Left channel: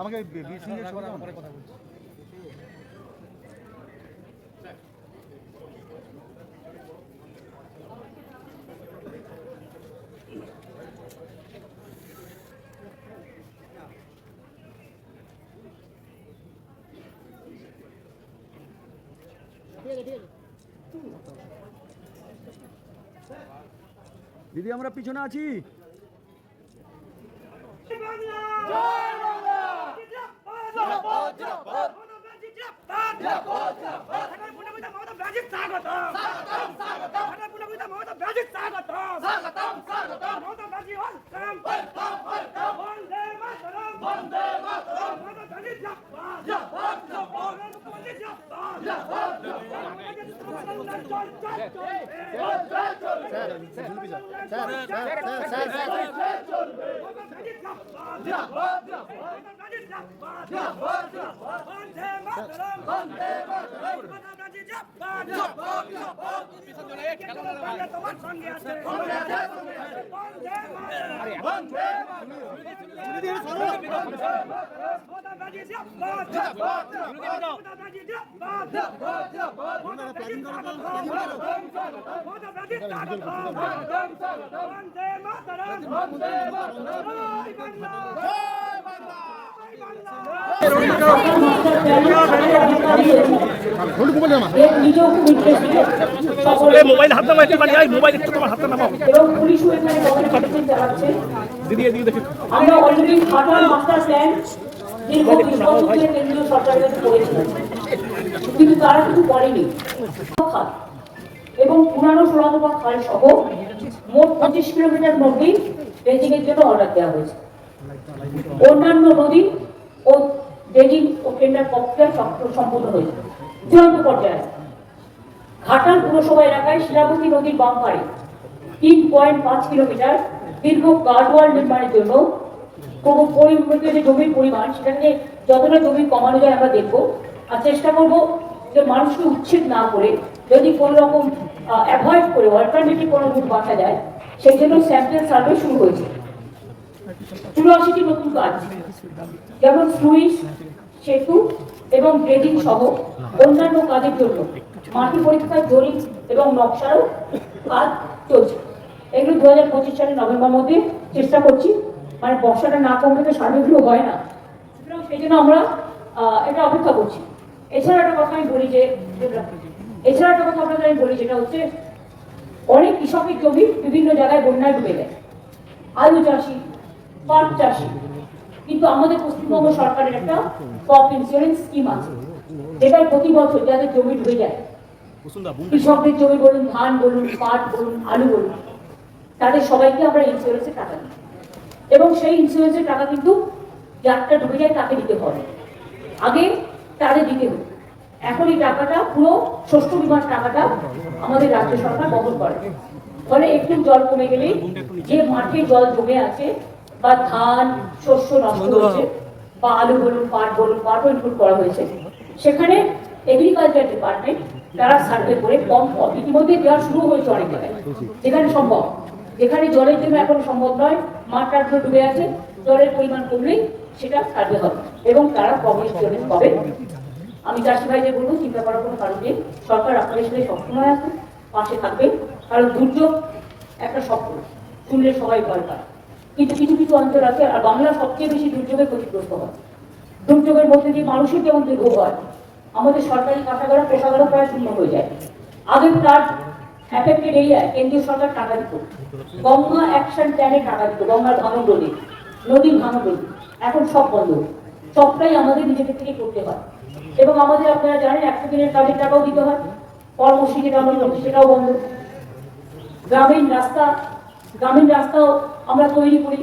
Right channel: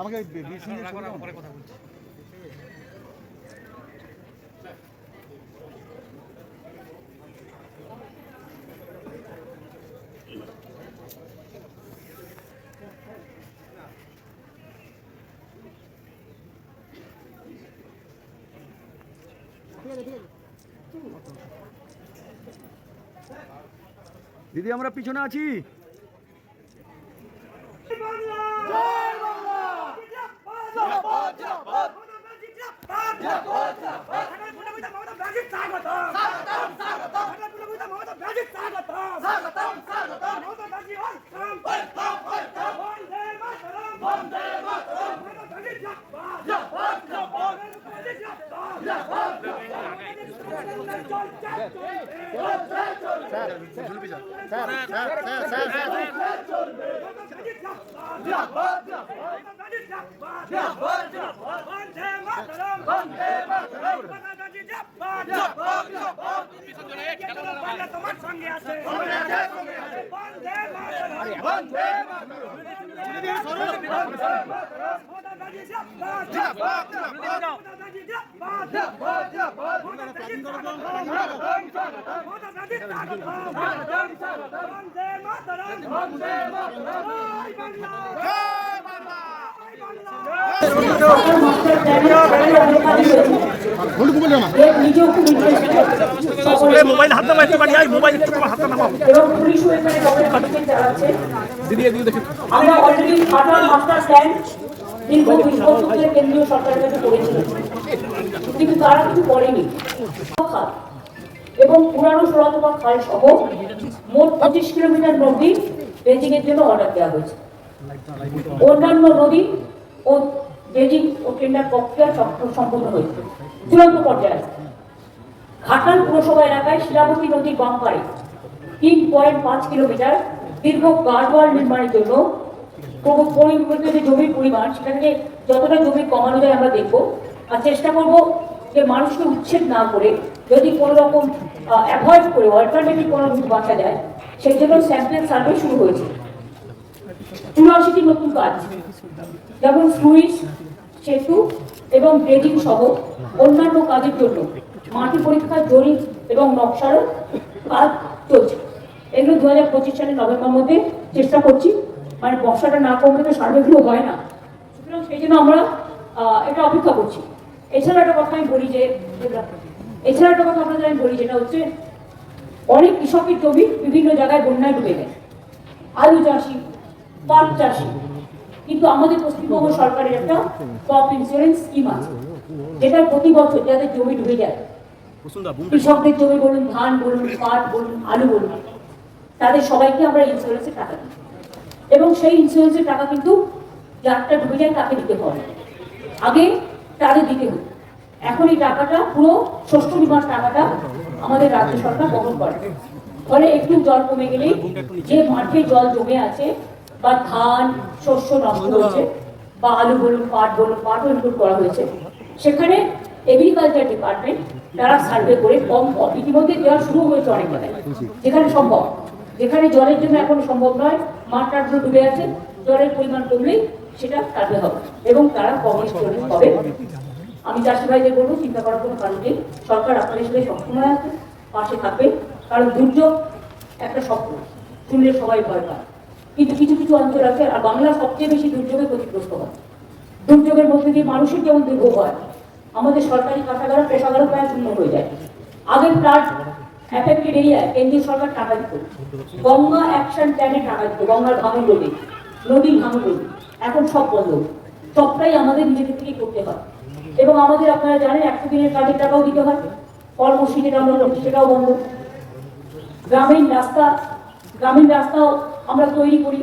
আমাকে বিসি পরে কথা বলছি। দিদি আমরা পিছনে আছি। Hey! Sir ঝুলবি sir sir sir sir sir. Sir তোমার সঙ্গে আছে মোবাইল হাতে মারতে পারি এই মোবাইল একটু তোমার হাতে নামাও। দিদি এদিকে দেখি। আমরা অলরেডি ঘাটাল মাস্টার প্ল্যান দীর্ঘ দুই বছর ধরে কেন্দ্রীয় সরকারের কাছে করেছিলাম কিন্তু তারা কিছু করেনি। এবং পুরানো সুরতপা খাল সহ মোট পঁচিশ কিলোমিটার নদী ড্রেজিং এর জন্য অর্ডার দেওয়া হয়েছে। অন্যান্য নদী ও ড্রেজিং ও টেন্ডার প্রক্রিয়া সম- সম্পন্ন হয়েছে। চূড়ান্ত পর্যায়ে ঘাটাল পুরসভা এলাকায় শিলাবতী নদীর বাম পাড়ে তিন পয়েন্ট পাঁচ কিলোমিটার দীর্ঘ গার্ডওয়াল নির্মাণের জন্য প্রব- পরিমিত যে জমির পরিমাণ, সেটাকে যতটা জমি কমানো যায় আমরা দেখব। আর চেষ্টা করব যে মানুষকে উচ্ছেদ না করে যদি কোনো রকম অ্যাভয়েড করে অল্টারনেটিভ কোনো রুট বাঁচা যায়, সেই জন্য স্যাম্পল সার্ভে শুরু হয়েছে। চুরাশিটি নতুন কাজ যেমন সুইচ সেতু এবং ড্রেজিং সহ অন্যান্য কাজের জন্য মাটি পরীক্ষার জরিপ এবং নকশার কাজ চলছে। এগুলো দু হাজার পঁচিশ সালের নভেম্বর মধ্যে চেষ্টা করছি মানে বর্ষাটা না কমলে তো সার্ভেগুলো হয় না। সুতরাং সেই জন্য আমরা এটা অপেক্ষা করছি। এছাড়া একটা কথা আমি বলি যে, এছাড়া একটা কথা আপনাদের আমি বলি, যেটা হচ্ছে অনেক কৃষকের জমি বিভিন্ন জায়গায় বন্যায় ডুবে গেছে। আলু চাষি, পাট চাষি। কিন্তু আমাদের পশ্চিমবঙ্গ সরকারের একটা ক্রপ ইন্স্যুরেন্স স্কিম আছে যেটা প্রতি বছর যাদের জমি ডুবে যায়, কৃষকদের জমি বলুন, ধান বলুন, পাট বলুন, আলু বলুন, তাদের সবাইকে আমরা ইন্স্যুরেন্সে টাকা দিই। এবং সেই ইন্স্যুরেন্সের টাকা কিন্তু যারটা ডুবে যায়, তাকে দিতে হবে। আগে তাদের দিতে হতো এখন এই টাকাটা, পুরো শস্য বিমার টাকাটা আমাদের রাজ্য সরকার বহন করে। ফলে একটু জল কমে গেলেই যে মাঠে জল জমে আছে, বা ধান, শস্য নষ্ট হয়েছে বা আলু বলুন, পাট বলুন পাটও ইনক্লুড করা হয়েছে, সেখানে এগ্রিকালচার ডিপার্টমেন্ট তারা সার্ভে করে কম ইতিমধ্যে দেওয়া শুরু হয়েছে অনেক জায়গায় যেখানে সম্ভব। যেখানে জলের জন্য এখন সম্ভব নয়, মাঠ টাটগুলো ডুবে আছে, জলের পরিমাণ কমলেই সেটা সার্ভে হবে এবং তারা কম ইন্স্যুরেন্স পাবে আমি চাষি ভাইদের বলব, চিন্তা করার কোনো কারণ নেই, সরকার আপনার হিসেবে সবসময় আছে, পাশে থাকবে, কারণ দুর্যোগ একটা স্বপ্ন, শুনলে সবাই ভয় পায়। কিন্তু কিছু কিছু অঞ্চল আছে, আর বাংলা সবচেয়ে বেশি দুর্যোগে ক্ষতিগ্রস্ত হয়। দুর্যোগের মধ্যে দিয়ে মানুষের যেমন দুর্ভোগ হয়? আমাদের সরকারি কাটাগারও কোষাগারও প্রায় শূন্য হয়ে যায়। আগের ফ্লাড এরিয়ায় কেন্দ্রীয় সরকার টাকা দিত গঙ্গা অ্যাকশন প্ল্যানে টাকা দিত গঙ্গার ভাঙন রোধে নদীর ভাঙন রোধে এখন সব বন্ধ। সবটাই আমাদের নিজেদের থেকে করতে হয়। এবং আমাদের আপনারা জানেন, একশো দিনের কাজের টাকাও দিতে হয় কর্মসূচি যেটা আমরা করছি সেটাও বন্ধ। গ্রামীণ রাস্তা, গ্রামীণ রাস্তাও আমরা তৈরি করি।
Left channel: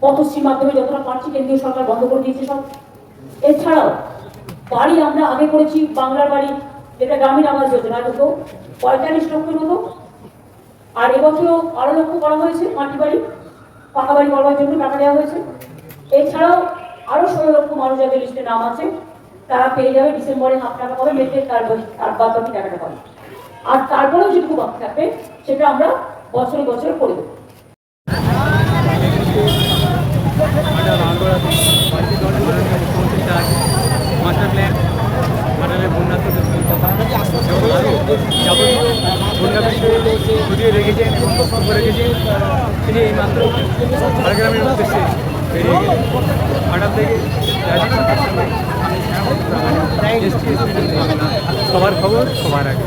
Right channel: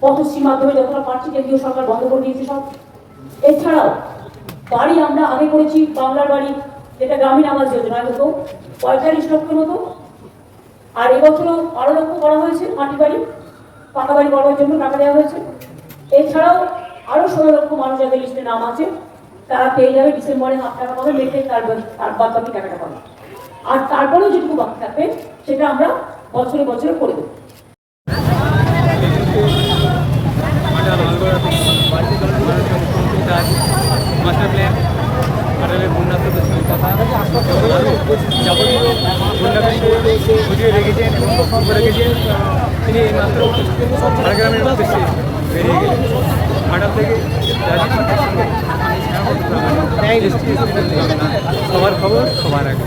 পথশ্রীর মাধ্যমে যতটা পারছি কেন্দ্রীয় সরকার বন্ধ করে দিয়েছে সব। এছাড়াও বাড়ি আমরা আগে করেছি, বাংলার বাড়ি যেটা গ্রামীণ আবাস যোজনায় হতো পঁয়তাল্লিশ লক্ষের মতো। আর এবছরও আরও লক্ষ্য করা হয়েছে মাটি বাড়ি, পাকা বাড়ি করার জন্য টাকা দেওয়া হয়েছে। এছাড়াও আরও ষোলো লক্ষ মানুষ যাদের লিস্টে নাম আছে, তারা পেয়ে যাবে ডিসেম্বরে হাফ টাকা পাবে মেতে তার তার বাদ বাকি টাকাটা পাবে। আর তারপরেও যেটুকু বাকি থাকবে, সেটা আমরা বছরে বছরে করে দেবো। মাস্টার প্ল্যান ঘাটালের তো কথা। এবং আরও যাবতীয় বন্যা বিষয়ে ফুটিয়ে রেখেছেন এবং বক্তব্য রেখেছেন। তিনি এই মাত্র ঝাড়গ্রামের উদ্দেশ্যে বেরিয়ে গেলেন। ঘাটাল থেকে রাজীব পাত্রের সঙ্গে আমি Shyamapada Pramanik ST SP S Bangla সবার খবর সবার আগে।